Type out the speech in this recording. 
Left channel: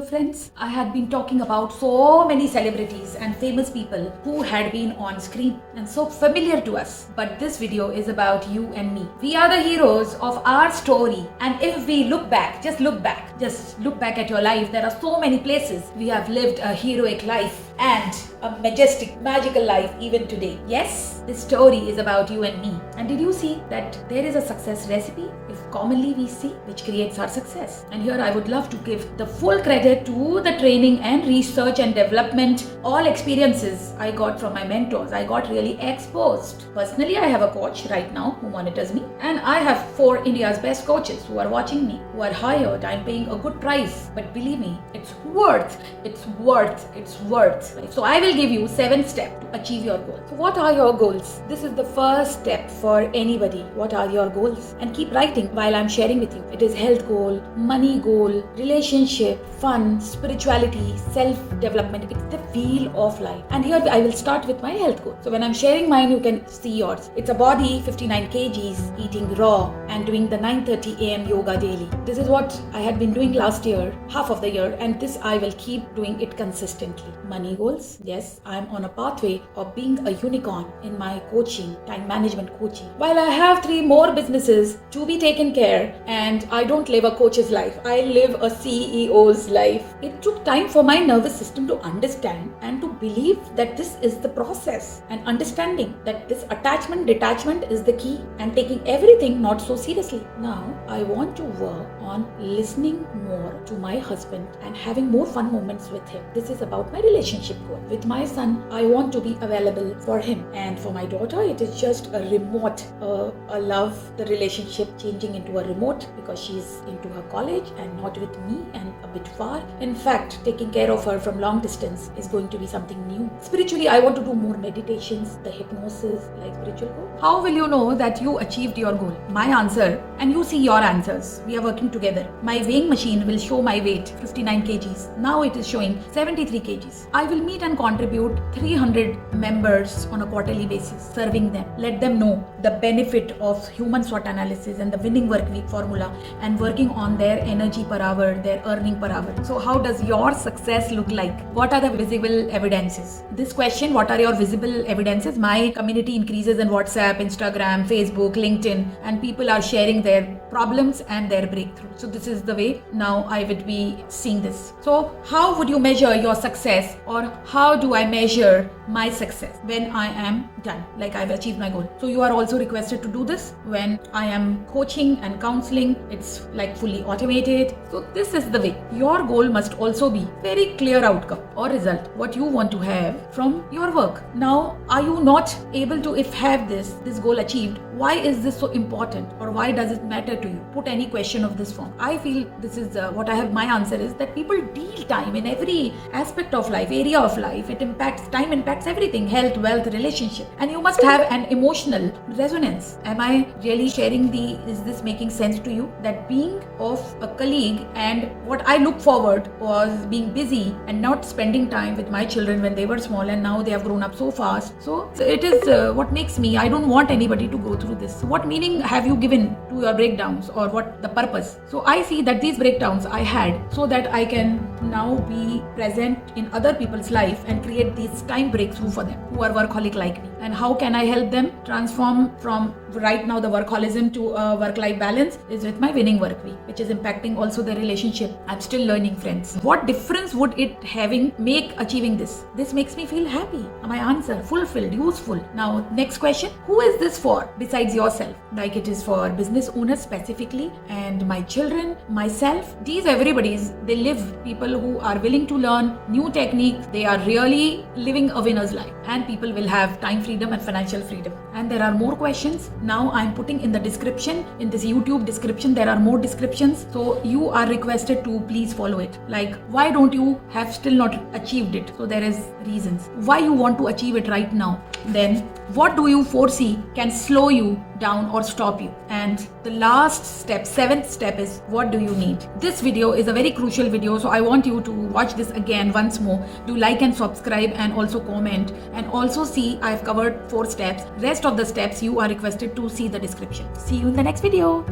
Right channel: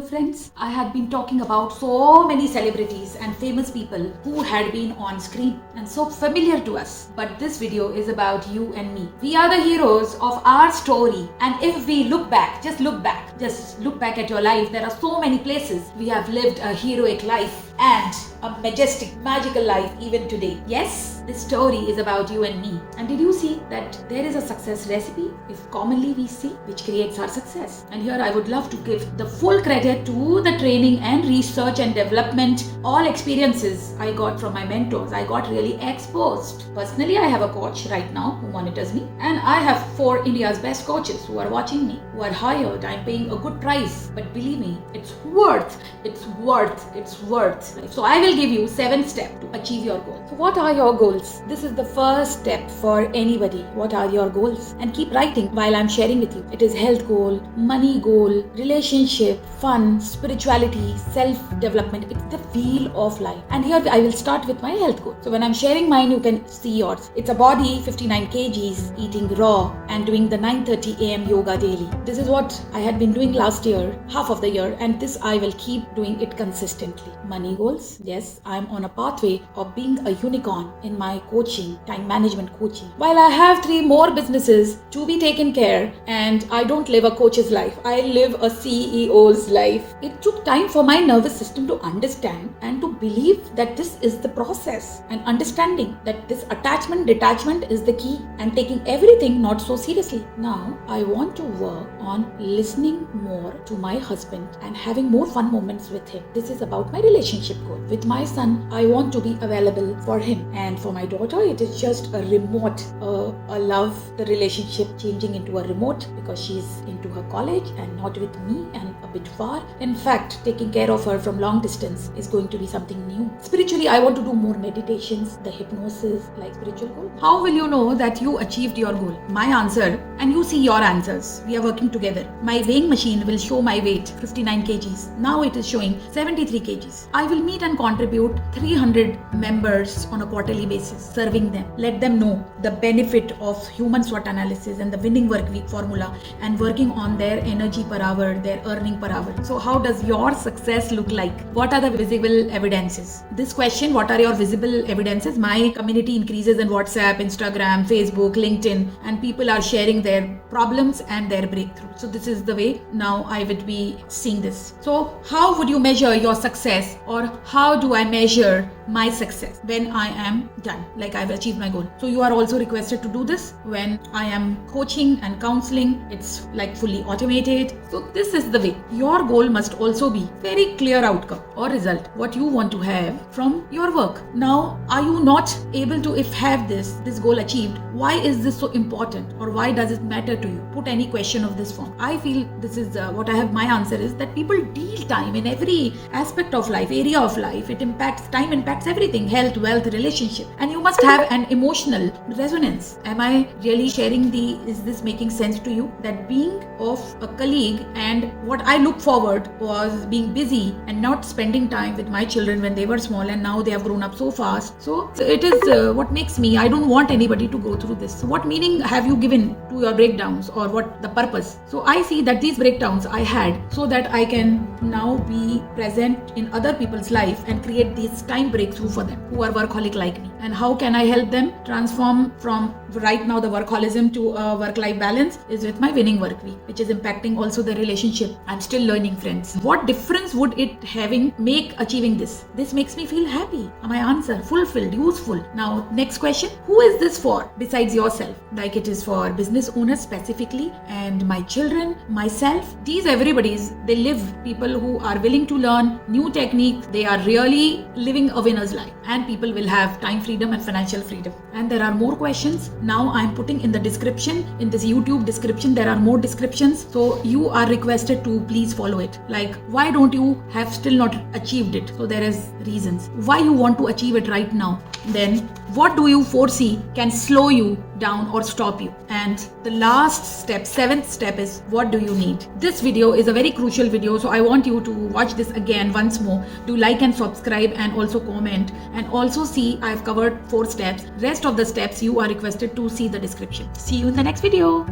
Hello friends, I had been talking about so many celebrities and famous people who had been on screen and so familiar to us. But this video is about you and me. We are the heroes of our story, and if we look back, just look back at your life, there are so many places we have lived a heroic life and a majestic, magical life even today. Yes, this story is about you and me. And did you see that there is a success recipe, if commonly we say, which creates our success? And here I would love to give the full credit to the training and research and development, all experiences I got from my mentors. I got really exposed. Personally, I have a coach right now who monitors me, and I have 4 India's best coaches who are watching me, who are hired. I'm paying a good price, but believe me, it's worth. So I will give you 7 steps to achieve your goals. So what are your goals? This is the first step for anybody. What are your goals? And keep writing while I'm sharing with you. It is health goal, money goal, relationship, fun, spirituality, self-development. It's the wheel of life. And here I will start with my health goal. So when I'm sharing mine, you can see yours. It's a body 59 kgs, eating raw and doing the 9:30 a.m. yoga daily. This is what I had been doing last year, half of the year, and this I will keep doing it consistently. Money goals. Yes, I'm on a pathway of being a unicorn in my coaching, time management coaching. While I have 3 more businesses to be taken care, and I don't live a coach's life, I live a CEO's life. It took time for my nervous system to understand and to believe that this is the process, and understanding that this attachment, detachment is the key, and taking everything not so seriously. Now, I want to work on listening more to my husband and having more fun moments with him. This is about my relationship goal. With my son, I want to be available for him, and for my daughter, it is just a remote, a love, the relationship changing into a remote because she's into her college and not with me and a bit far. In fact, taking care of her from long distance is going to be something new. Spiritually, I want to do more meditations, the hypnosis, like spiritual goal. How will you know that you achieved your goal? My answer, and you see your answers. We are working together. My weighing machine will show my weight, 59 kgs. Now it is showing 73 kgs. I will meet and contribute 300 members on a quarterly basis, serving them. Let them know the benefit of human SWOT analysis and the winning work week formula, and working on their energy per hour, their earning per hour. So how does your success look like? What are the visible evidences? This question, what are your visible evidences? My community increases in WhatsApp, Instagram, Facebook, LinkedIn, and people are sharing their problems and their breakthrough. So this is the way now I would be seeing this. So how would you measure your success, or how do I measure my success when I am done, like I've achieved my goal? So you are also requested to do this when I am coaching and counseling. It's like fully automated. So this is the way. Your goal must also be very clear outcome or result, what you want to have from your work. Now, are you not able to have this goal achieved? Why is this so important, or why does it matter to you? Put any question of this form. I feel this is what I have. My answer is that people deal time in every aspect of life, area of life. Time impacts everything, health, wealth, relationship, and you must have an emotional resonance. Am I really sharing is this making sense to you? That being of a colleague, and what I look forward was being busy and not spending time with my children when they were small, and now they have grown up so fast. So it is what makes me, I don't want anybody to go through this. So what meaning have you given to your breakdowns, or what the purpose? So I see that these breakdowns I had so that I can now be present in other people's life and create this time breakthrough for them who are workaholic like me. And how can I help them transform from right now the workaholism to a work-life balance? Is with my winning work week, which is impacting also the relationship. I'm still learning, friends. What difference would it make achieving this? This makes me feel happy. My answer, fulfilled, useful. Now, next question. Who is this for besides yourself? Like it is for business owners specifically, and my children, myself. These everybody's, they live, people who are willing to learn new techniques. They are really living a winner's life, and people will have time freedom and financial freedom. And there are more questions. Now I'm putting in the description, in this YouTube description, there are more descriptions. So you are requested to please follow it. Like, why don't you have still not achieved it? So there is reasons why you want to achieve it right now. Then what do you foresee can slow you down or stop you? And the last step, 7th step, is what do you need? This video is a very crucial video, so I want you to watch this again once more. Do like and subscribe, and also comment, and also see I've covered 4 steps. Rest of the steps you are requested to see the description. See you in the next video.